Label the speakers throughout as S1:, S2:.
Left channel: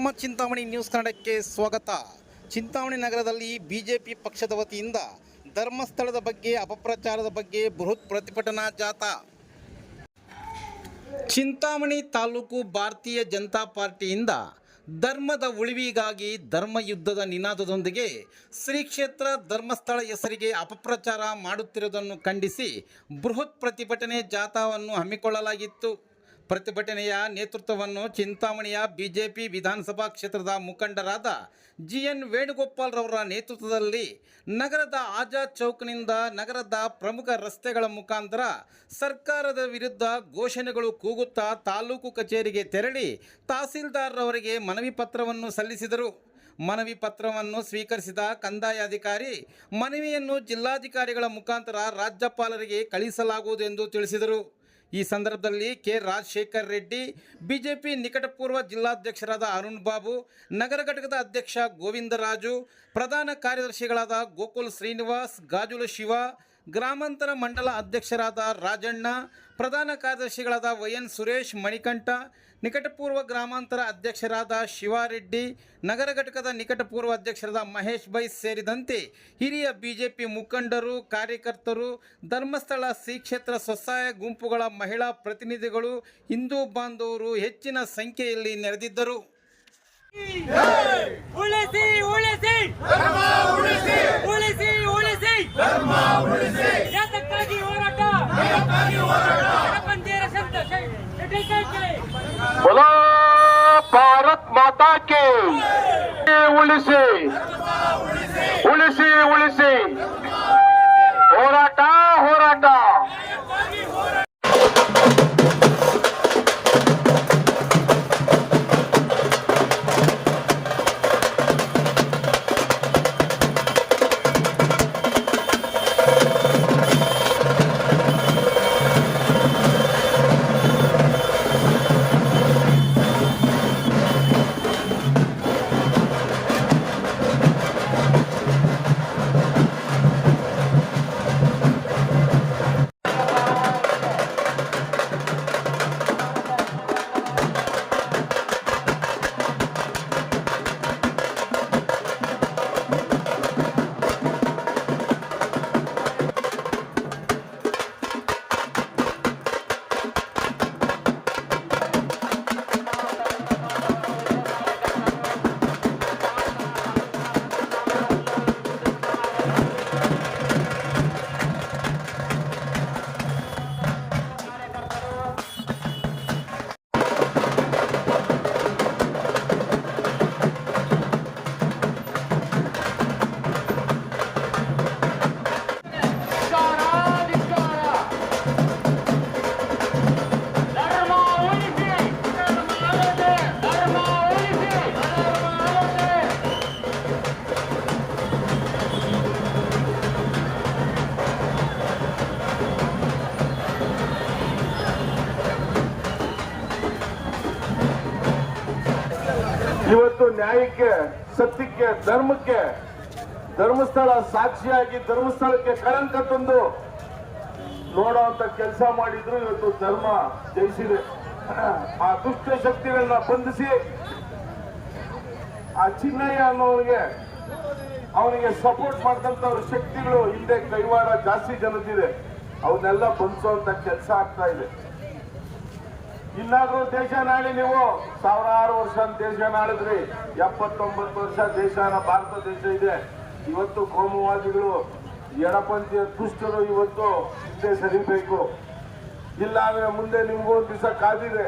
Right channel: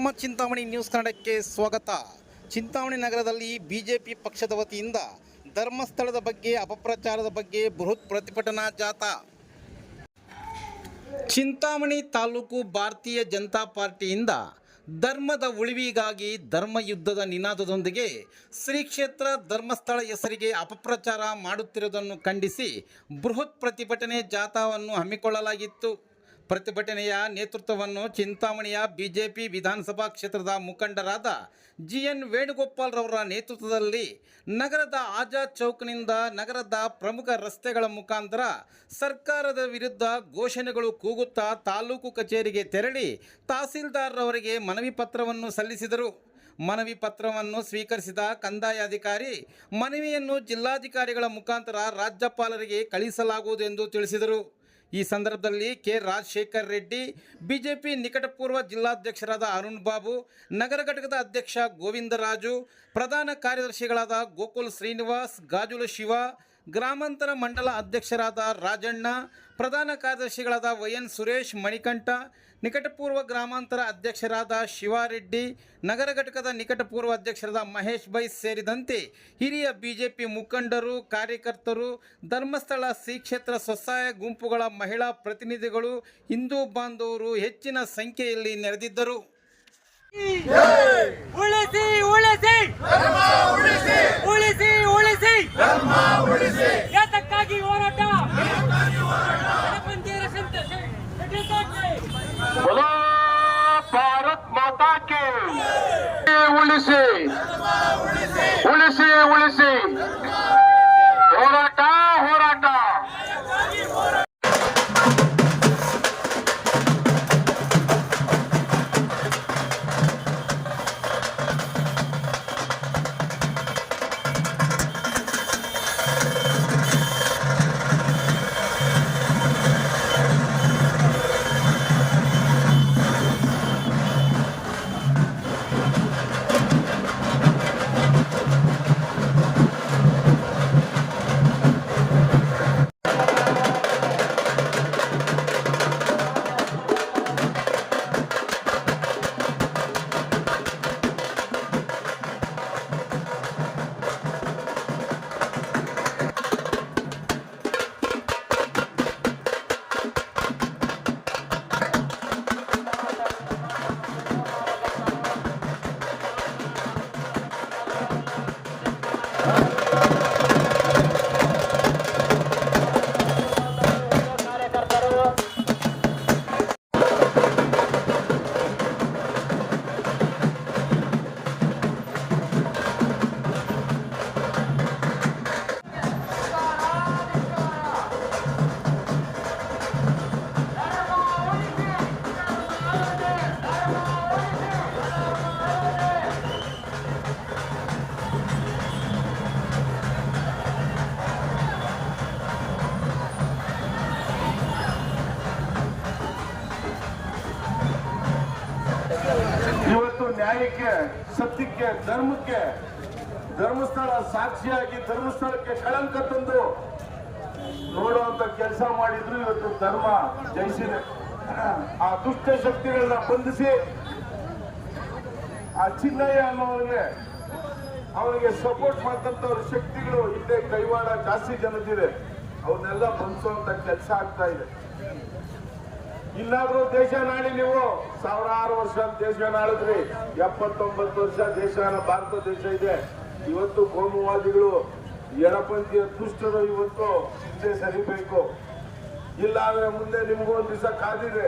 S1: ನಮ್ಮ ಚಿಂತಾಮಣಿ ನ್ಯೂಸ್ ಕನ್ನಡಕ್ಕೆ ಸ್ವಾಗತ. ಚಿಂತಾಮಣಿ ನಗರದಲ್ಲಿ ಬಿಜೆಪಿ ಪಕ್ಷದ ವತಿಯಿಂದ ಧರ್ಮಸ್ಥಳದ ಬಗ್ಗೆ, ಅಪಪ್ರಚಾರದ ಬಗ್ಗೆ ಬೃಹತ್ ಪ್ರತಿಭಟನಾ ಜಾಥಾ. ಚಿಂತಾಮಣಿ ತಾಲೂಕು ಭಾರತೀಯ ಜನತಾ ಪಾರ್ಟಿಯಿಂದ ಧರ್ಮದ ಉಳಿವಿಗಾಗಿ ಧರ್ಮ ಯುದ್ಧದ ನಿನಾದದೊಂದಿಗೆ ಶ್ರೀ ಕ್ಷೇತ್ರ ಧರ್ಮಸ್ಥಳ ಹೆಸರಿಗೆ ಅಪಪ್ರಚಾರ ಮಾಡುತ್ತಿರುವುದನ್ನು ಖಂಡಿಸಿ ಬೃಹತ್ ಪ್ರತಿಭಟನೆ ಜಾಥಾವನ್ನು ಹಮ್ಮಿಕೊಳ್ಳಲಾಗಿತ್ತು. ಪ್ರತಿಭಟನೆಯ ನೇತೃತ್ವವನ್ನು ಚಿಂತಾಮಣಿಯ ಬಿಜೆಪಿ ವಿಧಾನಸಭಾ ಕ್ಷೇತ್ರದ ಮುಖಂಡರಾದ ಜಿ ಎನ್ ವೇಣುಗೋಪಾಲ್ ರವರ ನೇತೃತ್ವದಲ್ಲಿ ನಗರದ ಆಜಾದ್ ಚೌಕ್ನಿಂದ ನಗರದ ಪ್ರಮುಖ ರಸ್ತೆಗಳ ಮುಖಾಂತರ ಸರ್ಕಾರದ ವಿರುದ್ಧ ಘೋಷಣೆಗಳು ಕೂಗುತ್ತಾ ತಾಲೂಕು ಕಚೇರಿಗೆ ತೆರಳಿ ತಹಸೀಲ್ದಾರ್ರವರಿಗೆ ಮನವಿ ಪತ್ರವನ್ನು ಸಲ್ಲಿಸಿದರು. ಮನವಿ ಪತ್ರವನ್ನು ಸ್ವೀಕರಿಸಿದ ಕಂದಾಯ ಅಧಿಕಾರಿ, ಮನವಿಯನ್ನು ಜಿಲ್ಲಾಧಿಕಾರಿಗಳ ಮುಖಾಂತರ ರಾಜ್ಯಪಾಲರಿಗೆ ಕಳಿಸಲಾಗುವುದು ಎಂದು ತಿಳಿಸಿದರು. ಈ ಸಂದರ್ಭದಲ್ಲಿ ಕೆ ರಾಜಶೇಖರ್ ರೆಡ್ಡಿ, ಬಿಜೆಪಿ ನಿಕಟಪೂರ್ವ ಜಿಲ್ಲಾಧ್ಯಕ್ಷರಾದ ಅರುಣ್ ಬಾಬು, ನಗರ ಘಟಕದ ಅಧ್ಯಕ್ಷ ಗೋವಿಂದರಾಜು, ಪ್ರಧಾನ ಕಾರ್ಯದರ್ಶಿಗಳಾದ ಗೋಕುಲ್ ಶ್ರೀನಿವಾಸ್, ಗಾಜುಲ ಶಿವ ಗ್ರಾಮಾಂತರ ಮಂಡಲ ಅಧ್ಯಕ್ಷರಾದ ರಾಜಣ್ಣ, ಪ್ರಧಾನ ಕಾರ್ಯದರ್ಶಿಗಳಾದ ವೈಎನ್ ಸುರೇಶ್ ಮಣಿಕಂಠ, ನಿಕಟಪೂರ್ವ ಗ್ರಾಮಾಂತರ ಅಧ್ಯಕ್ಷರಾದ ಶಿವಾರೆಡ್ಡಿ, ನಗರ ಘಟಕದ ನಿಕಟಪೂರ್ವ ಅಧ್ಯಕ್ಷರಾದ ಮಹೇಶ್ ಬೈ ಸೇರಿದಂತೆ ಹಿರಿಯ ಬಿಜೆಪಿ ಮುಖಂಡರು, ಕಾರ್ಯಕರ್ತರು, ಧರ್ಮಸ್ಥಳ ಶ್ರೀ ಕ್ಷೇತ್ರ ಸ್ವಸಹಾಯ ಗುಂಪುಗಳ ಮಹಿಳಾ ಪ್ರತಿನಿಧಿಗಳು, ಹಿಂದೂ ಬಾಂಧವರು ಹೆಚ್ಚಿನ ಸಂಖ್ಯೆಯಲ್ಲಿ ನೆರೆದಿದ್ದರು.
S2: ಉಳಿಸಿ ಉಳಿಸಿ. ಉಳಿಸಿ ಉಳಿಸಿ. ಯಾತಕ್ಕಾಗಿ ಹೋರಾಟ? ಗಣಪಂಜೇರ ಸಂತ
S3: ಭಾರತ್ ಮಾತಾ ಕೇ ಉಳಿಸಿ ಉಳಿಸಿ ಉಳಿಸಿ. ಹೋರಾಟ ಹೋರಾಟ. ನ್ಯಾಯಕ್ಕೆ, ಸತ್ಯಕ್ಕೆ, ಧರ್ಮಕ್ಕೆ, ಧರ್ಮಸ್ಥಳ ಸಾಕ್ಷಿಯಾಗಿ ಧರ್ಮಸ್ಥಳಕ್ಕೆ ಕಳಂಕ ತಂದು ನೋಡುವಂತ ಕೆಲಸ ಮಾಡಿದ್ರು ಇವತ್ತು ಧರ್ಮ ಜಯಿಸಿದೆ. ಆ ದುಷ್ಟ ಶಕ್ತಿಗಳನ್ನ ಬಂಧಿಸಿ ಆ ಚಿನ್ನಯ್ಯ ಅನ್ನೋನಿಗೆ ಅವನಿಗೆ ಸಪೋರ್ಟ್ ಮಾಡ್ತಂತವ್ರ ಶಕ್ತಿಗಳು ಹಿಂದೆ ಕೈವಾಡ ಜಾಸ್ತಿ ಜನತಿದೆ ಅವನ್ನೆಲ್ಲ ಬಂಧಿಸುವಂತ ಕೆಲಸ ಆಗ್ತಾ ಇದೆ. ಇನ್ನಾದ್ರೂ ದೇಶ ನಾಳಿ ನೀವು ಸಾವಿರಾರು ವರ್ಷ ದೇಶ ನಾಳಿದ್ರಿ ಎಪ್ಪತ್ತೊಂಬತ್ತು ವರ್ಷ ದೇಶನ ಭಾರತ ದೇಶ ಇದೆ. ಇವತ್ತು ಕೋಮುವಾದಿಗಳು, ಎಡಪಂಥೀಯ ದುಷ್ಟರು ಇವತ್ತು ಹಿಂದೆ ಸರಿಬೇಕು. ಇಲ್ಲ ಅಂದ್ರೆ ಮುಂದೆ ನಿಮ್ಗೂ ಒಂದು ದಿವಸ ಕಾದಿದೆ.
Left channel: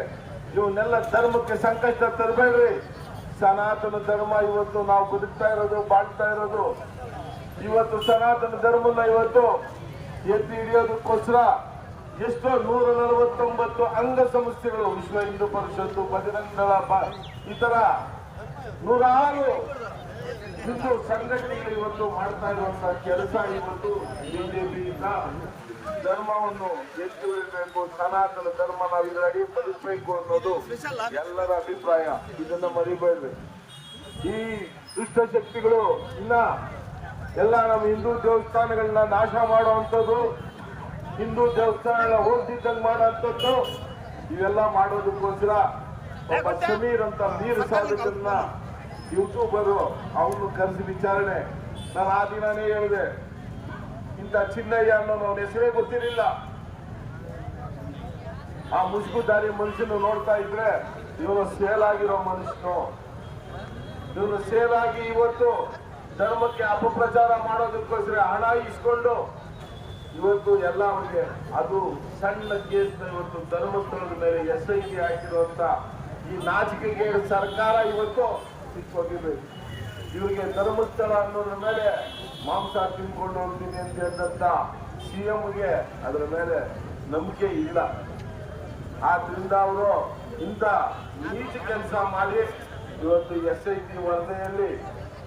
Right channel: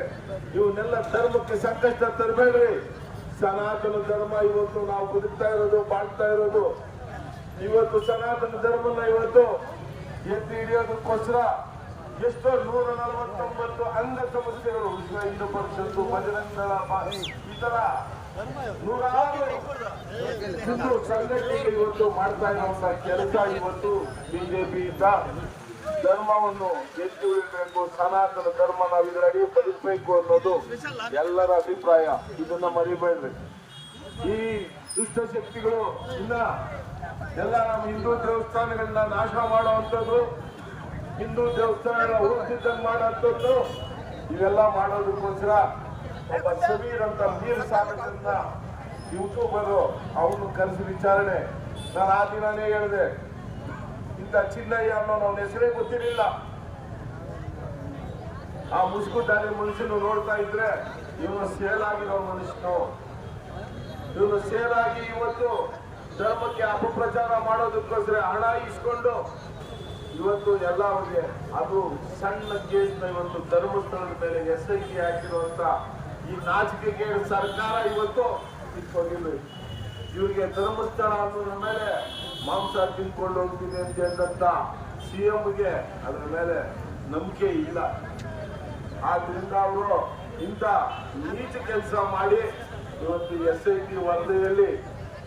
S3: ಇವನ್ನೆಲ್ಲ ಧರ್ಮಕ್ಕೆ ಸಂಕಷ್ಟ ತರಬೇಡ್ರಿ. ಸನಾತನ ಧರ್ಮ ಇವತ್ತು ನಾವು ಬದುಕ್ತಾ ಇರೋದು, ಬಾಳ್ತಾ ಇರೋದು. ಇವತ್ತು ಸನಾತನ ಧರ್ಮನ ಇವತ್ತು ಎತ್ತಿ ಹಿಡಿಯೋದಕ್ಕೋಸ್ಕರ ಎಷ್ಟೋ ನೂರ ನಲವತ್ತೊಂಬತ್ತು ಅಂಗ ಸಂಸ್ಥೆಗಳು ವಿಶ್ವ ಹಿಂದೂ ಪರಿಷತ್ತು ಇತರ ನೂರಾರು ಹಿಂದೂ ಸಂಘಟನೆಗಳು ಇವತ್ತು ಮಾಡ್ತಾ ಇರುವಂತಹ ಕೆಲಸ ಇವತ್ತು ಬಿಜೆಪಿಯಿಂದ. ಧರ್ಮವನ್ನು ಎತ್ತಿ ಹಿಡಿಬೇಕು ಸನಾತನ ಧರ್ಮ ನಾವು ಇದರಡಿ ಬದುಕಬೇಕು ಅನ್ನೋದು ಎಲ್ಲರ ಅಭಿಪ್ರಾಯ. ಇದನ್ನ ಮರಿಬೇಡ್ರಿ ಈ ದುಷ್ಟ ಶಕ್ತಿಗಳು ಇನ್ನ ಎಲ್ಲ ನಮ್ಮ ಹಿಂದೂ ದೇವಸ್ಥಾನಗಳನ್ನ ನಾಶ ಮಾಡುವಂಥದ್ದು ಹಿಂದೂ ದೇವಸ್ಥಾನ ಎಲ್ಲ ಹೋಗ್ತಿದ್ದಂಗೆ ಮಾಡುವಂಥದ್ದು ಇವೆಲ್ಲ ಮಾಡೋದಕ್ಕೋಸ್ಕರ ಒಬ್ಬ ಸಮೀರ್ ಅಂತ ನೀರು ಸಾಧಕನ್ನ ಯೂಟ್ಯೂಬರ್ ಅವನು ಕರೆಸಿ ವಿಚಾರಣೆ. ನಾನು ಆ ದಿನನೇ ಹೇಳಿದೆ, ಇಂಥ ಚಿನ್ನಯ್ಯ ಅನ್ನೋ ಅವನ ಹೆಸರೇ ಗೊತ್ತಿರಲಿಲ್ಲ. ಆ ಮುಸ್ಕುದಾರಿ ಮನುಷ್ಯನು ನೋಡ್ತಾ ಇದ್ರೆ ಇವನು ಸೇಲ್ ಆಗಿರೋ ಮನುಷ್ಯನು. ಇವನು ಸೇಲ್ ಆಗಿ ಇವತ್ತು ಧರ್ಮಕ್ಕೆ ಅಪಪ್ರಚಾರ ಮಾಡೋದಕ್ಕೋಸ್ಕರ ಹಣ ಇಸ್ಕೊಂಡು ಇವತ್ತು ಎಲ್ಲರಿಗೆ ಅದು ಸಣ್ಣ ಕೇಸ್ನ ಇವತ್ತು ಧರ್ಮಸ್ಥಳದ ಮೇಲೆ ಎಸ್ ಐ ಟಿ ಹಾಕಿರುವಂತ ಈ ನಾಚಿಕೆಗೆ ಸರ್ಕಾರ ಇವತ್ತು ಕಿತ್ಕೊಂಡಿರ್ಬೇಕು ಇವರಿಗೆ ಧರ್ಮಸ್ಥಳ ಅನ್ನೋದ್ರ ಮೇಲೆ ಮಾಂಸ ತಿನ್ಕೊಂಡು ಹೋಗ್ತೀನಿ ಅಂತ ಹೇಳಿದಂತ ಸಿ ಎಂಗೆ ಅದರ ಮೇಲೆ ನಂಬಿಕೆ ಇಲ್ಲ. ಆದ್ರಿಂದ ಅವರು ಇಂಥ ನೀಚ ಕೆಲಸ ಮಾಡಿ ಇವತ್ತು ಎಸ್ ಐ ಟಿ ವರದಿಯಲ್ಲಿ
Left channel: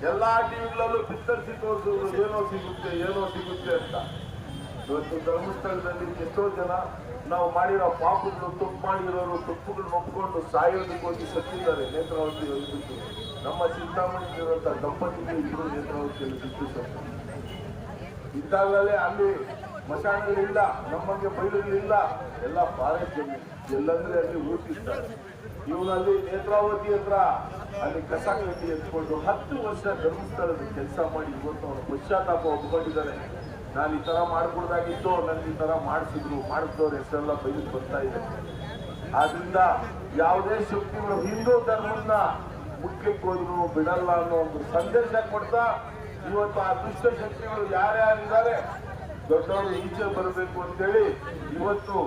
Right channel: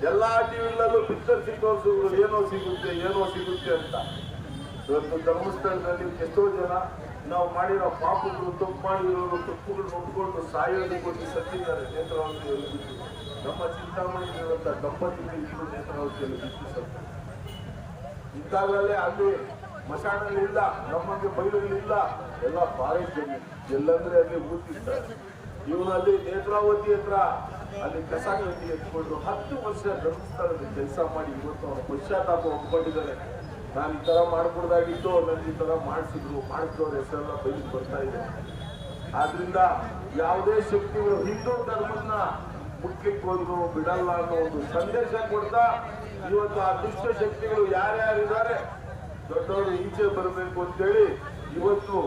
S3: ಎಲ್ಲಾ ಟಿವಿಗಳಲ್ಲೂ ಬಿತ್ತರಿಸಿ ತೋರಿಸಿದ್ರು ಏನೋ ಸಿಗುತ್ತೆ ಏನೋ ಸಿಗುತ್ತೆ ಅಂತ. ಇವತ್ತು ಧರ್ಮಸ್ಥಳದಲ್ಲಿ ಎಷ್ಟೋ ಜನ ನಾವು ಮಾಡಿರೋ ಪಾಪಗಳು, ತಪ್ಪು ಮಾಡಿರೋರು, ತಪ್ಪುಗಳು ಒಪ್ಕೊಂಡು ಸಾಯೋದಕ್ಕೋಗಿ ಸತ್ತಿದ್ದಾರೆ ನೇತ್ರಾವತಿಯಲ್ಲಿ ಬಿಟ್ಟು. ನಮ್ಮ ಚಿಂತಾಮಣಿಲಿರುವಂತ ದಂಪತಿಗೆ ಇಬ್ಬರು ನೇತ್ರಾವತಿಯಲ್ಲಿ ಬಿಟ್ಟು ಸತ್ತು. ಇದ್ದಾಗಲೇ ಅಲ್ಲಿ ಮಶಾಣಗಳಿಲ್ಲ ನಮ್ಮಂಗೆ ಬೈಲುಗಳಿಲ್ಲ ಎಲ್ಲ ಫಾರೆಸ್ಟ್ ಜಮೀನು. ಎಲ್ಲಂದ್ರೆ ಅಲ್ಲಿ ಊಟಿರ್ತಾರೆ ಇವನಲ್ಲಿ ನೇತ್ರಾವತಿ ಹತ್ರ ಅಲ್ಲಿ ಕಸ ಕಟ್ಟಿ ಎತ್ಕೊಂಡು ಹತ್ತು ವರ್ಷ ಧರ್ಮಸ್ಥಳದಲ್ಲಿ ಕೆಲಸ ಮಾಡಿ ಇವತ್ತು ಅವರು ಪಶ್ಚಾತ್ತಾಪ ಒಪ್ಕೊಂಡಿದ್ದಾರೆ. ನಾನು ಈ ತರ ಮಾಡ್ಕೊಡ್ದಾಗಿತ್ತು ನನ್ಗೆ ಈ ತರ ಮಾಡಿಸಿದ್ರು, ಮಾಡಿಸಿದವ್ರ ಹೆಸರೆಲ್ಲ ಬೈಲಿಗೆ ಬರ್ತಾ ಇದೆ. ಆದ್ರಿಂದ ಯಾವುದೇ ಶಕ್ತಿಗಳು, ಹಿಂದೂ ಧರ್ಮನ್ನ ಮುಟ್ಲಿಕ್ಕೆ ಹೋದ್ರು, ಬಿಡಲ್ಲ ಅನ್ನೋ ಒಂದು ಸಂದೇಶ ಕೊಡ್ತಾ, ಇವತ್ತು ಆ ದುಷ್ಟ ಶಕ್ತಿಗಳು ಯಾರ್ಯಾರಿದ್ದಾರೆ ದೊಡ್ಡವರು ಈಚೆ ಬರಬೇಕು ಅಂತೇಳಿ ಇವತ್ತು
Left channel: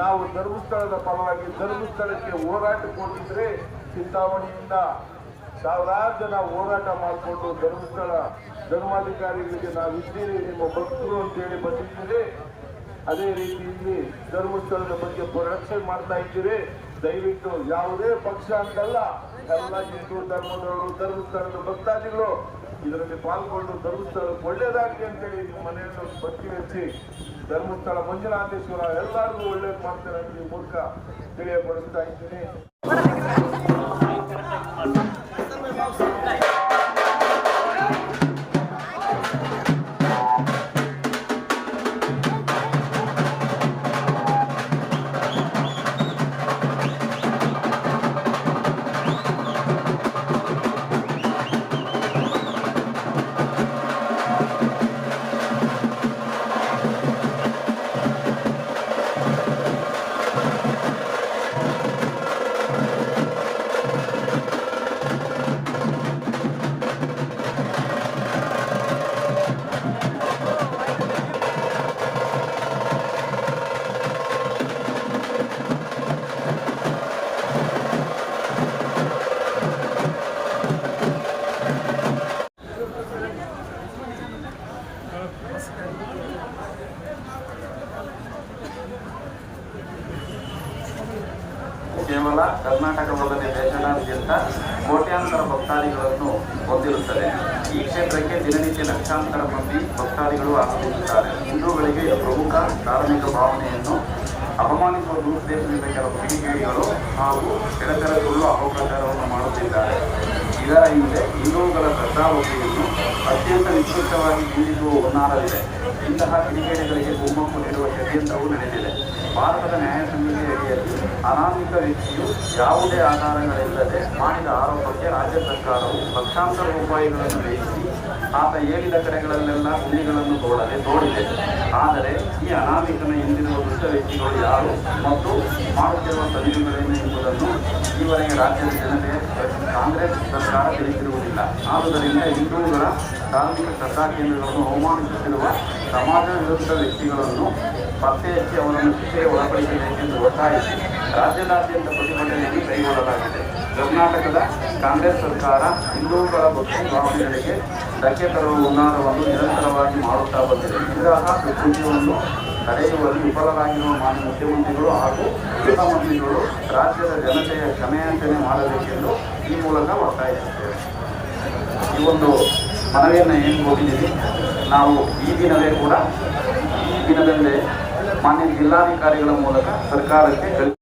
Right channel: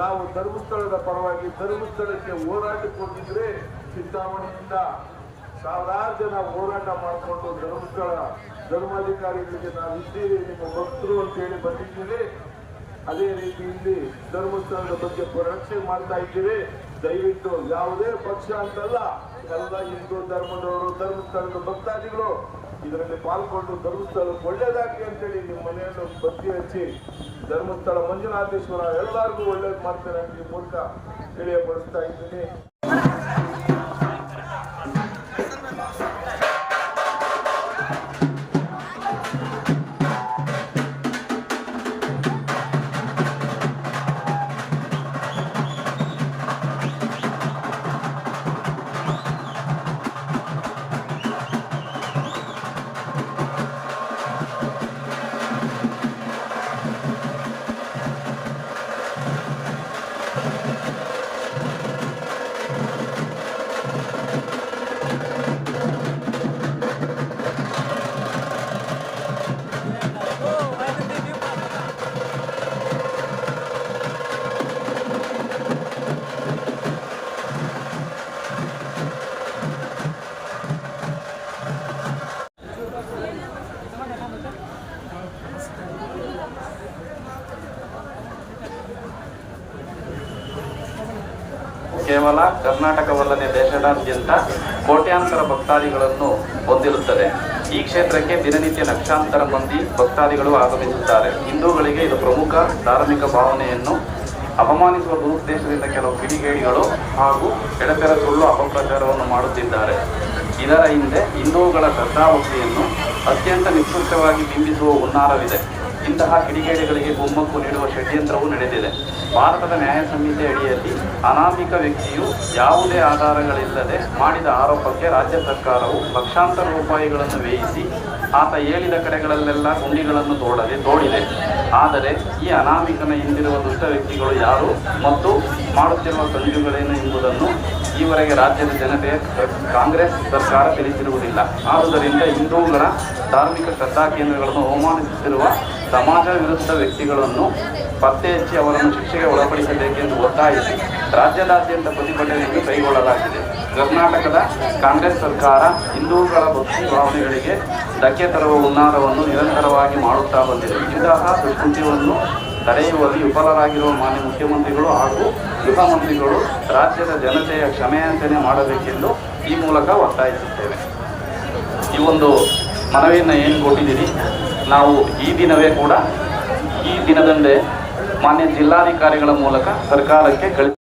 S3: ನಾವು ಧರ್ಮಸ್ಥಳದ ಪರವಾಗಿ ಧರ್ಮಸ್ಥಳಕ್ಕೆ ಹೋರಾಟಕ್ಕೆ ಹೋಗಿದ್ರೆ ಚಿಂತಾಮಣಿಯಿಂದ ಸಾವಿರಾರು ಜನ ಹೋರಾಟ ಮಾಡಿಕೊಂಡು ಧರ್ಮಸ್ಥಳ ಧರ್ಮಾಧಿಕಾರಿಗಳಿಗೆ ನಾವಿದ್ದೀರಿ ನಿಮ್ಮ ಭಕ್ತರು ಅಂತೇಳಿ ಬಂದಿದ್ದೀರಿ ಅದೇ ರೀತಿ ಇಲ್ಲಿ ಧರ್ಮಸ್ಥಳದ ಬಗ್ಗೆ ರಕ್ಷಣೆ ಮಾಡ್ತಾ ಇದ್ದೀರಿ. ದಯವಿಟ್ಟು ಯಾವುದೇ ಪಕ್ಷ ಅಂತಲ್ಲ, ಎಲ್ಲ ಹಿಂದೂ ಧರ್ಮದವರು, ಧರ್ಮಸ್ಥಳದ ಭಕ್ತಾದಿಗಳು ಇದರಲ್ಲಿ ಪಾಲ್ಗೊಂಡು ಧರ್ಮಸ್ಥಳಕ್ಕೆ ಒಳ್ಳೇದಾಗಲಿ ಅಂತೇಳಿ ನಿಮ್ಮ ಮನೆಯನ್ನು ಭಕ್ತಿ ಹಚ್ಚಿ ಧರ್ಮಸ್ಥಳ ಮಂಜುನಾಥೇಶ್ವರ ಎಲ್ಲರಿಗೂ ಒಳ್ಳೇದು ಮಾಡ್ತಾರೆ ಅಂತ ಈ ಮೂಲಕ ತಿಳಿಯಪಡಿಸ್ತಾ ಇದ್ದೀನಿ.
S4: ಕೋಟ್ಯಾಂತರ ಭಕ್ತಾದಿಗಳನ್ನು ಹೊಂದಿರುತ್ತದೆ. ಈ ಕ್ಷೇತ್ರಕ್ಕೆ ದಿನನಿತ್ಯ ಲಕ್ಷಾಂತರ ಮಂದಿ ಭಕ್ತಾದಿಗಳು ಆಗಮಿಸುತ್ತಾರೆ. ಹಿಂದೂಗಳಿಗೆ ಇದು ಪ್ರಮುಖ ಧಾರ್ಮಿಕ ಭಾವನೆಯನ್ನು ಅಪಮಾನಿಸುವ ದುರುದ್ದೇಶದಿಂದ ಕೆಲವು ಕಿಡಿಗೇಡಿಗಳು ಹಾಗೂ ಎಡಪೆರಗಳು ಅಪಪ್ರಚಾರವನ್ನು ಮಾಡುತ್ತಿದ್ದಾರೆ. ಇದರ ಹಿಂದೆ ಹಿಂದೂಗಳ ಶ್ರದ್ಧಾವತಿಯನ್ನು ಅತ್ಯಂತ ನಿಶ್ಚಿತವಾಗಿ ಬಿಂಬಿಸುವ ಹುನ್ನಾರವಿದೆ. ಇಂತಹ ಕಿಡಿಗೇಡಿಗಳಿಗೆ ಕುಮ್ಮಕ್ಕು ನೀಡುವ ಷಡ್ಯಂತ್ರವೂ ನಡೆದಿದೆ. ಭಾರತದ ನ್ಯಾಯ ಸಂಹಿತೆ ಅಡಿಯಲ್ಲಿ ಅನಾಮಿಕ ವ್ಯಕ್ತಿಯು ಯಾವುದೇ ಆಧಾರಗಳಿಲ್ಲದೆ ಮಾಡಿದ ಆರೋಪಕ್ಕೆ ರಾಜ್ಯ ಸರ್ಕಾರವು ಲಕ್ಷಾಂತರ ರೂಪಾಯಿಗಳನ್ನು ವ್ಯಯಿಸಿ ಆತ ಹೇಳಿದ ಕಡೆಗಳಲ್ಲೆಲ್ಲ ಗುಂಡಿಗಳನ್ನು ತೋಡದೆ ತೋಡಿದೆ. ಆದರೆ ಈ ಅನಾಮಿಕನ ಹಿಂದಿರುವ ದುಷ್ಟ ವ್ಯಕ್ತಿಗಳು ಯಾರು ಮತ್ತು ಮಾಡುತ್ತಿರುವ ಸಂಜುಗಳೇನು ಎಂಬುದನ್ನು ಈವರೆಗೆ ರಾಜ್ಯದ ಜನತೆ ಕಾಂಗ್ರೆಸ್ ಸರ್ಕಾರ ತಿಳಿಸಿರುವುದಿಲ್ಲ. ಆದುದರಿಂದ ಹಿಂದೂಗಳ ಧಾರ್ಮಿಕ ಶ್ರದ್ಧಾ ಕೇಂದ್ರಗಳನ್ನು ಅವಮಾನಿಸುತ್ತಿರುವ ಸಮಾಜ ವಿರುದ್ಧ ವ್ಯಕ್ತಿಗಳನ್ನು ಪತ್ತೆ ಹಚ್ಚಿ ಅವರನ್ನು ಶಿಕ್ಷೆಗೆ ಒಳಪಡಿಸಬೇಕೆಂದು ಒತ್ತಾಯಿಸಿ ರಾಜ್ಯದಾದ್ಯಂತ ಪ್ರತಿಭಟನೆಯನ್ನು ಕೈಗೊಳ್ಳಲಾಗಿದೆ. ಕರ್ನಾಟಕದ ಕಾಂಗ್ರೆಸ್ ಸರ್ಕಾರ ಹಿಂದೂಗಳ ಭಾವನೆಗಳಿಗೆ ಧಕ್ಕೆ ತರುವ ಹುನ್ನಾರವನ್ನು ನಿರಂತರವಾಗಿ ಮಾಡುತ್ತಾ ಬಂದಿದೆ. ಇಂತಹ ದುಷ್ಕೃತ್ಯವನ್ನು ತಡೆಯುವಲ್ಲಿ ವಿಫಲರಾಗಿರುವ ಮಾನ್ಯ ಮುಖ್ಯಮಂತ್ರಿಗಳು ಹಾಗೂ ಗೃಹ ಮಂತ್ರಿಗಳು ರಾಜ್ಯದ ಜನತೆಯ ಕ್ಷಮೆಯಾಚನೆ ಮಾಡಬೇಕೆಂದು ಈ ಮೂಲಕ ಒತ್ತಾಯಿಸುತ್ತೇವೆ. ಈ ಒಂದು ಮನವಿಯನ್ನು ಏನು ಕೊಟ್ಟಿದ್ದೀವಿ ನಾವು ಈ ದಿನವೇ ಕೂಡ ಈ ದಿನದಂದೇ ಮಾನ್ಯ ಜಿಲ್ಲಾಧಿಕಾರಿಗಳ ಮೂಲಕ ಸರ್ಕಾರಕ್ಕೆ ಕಳಿಸಿ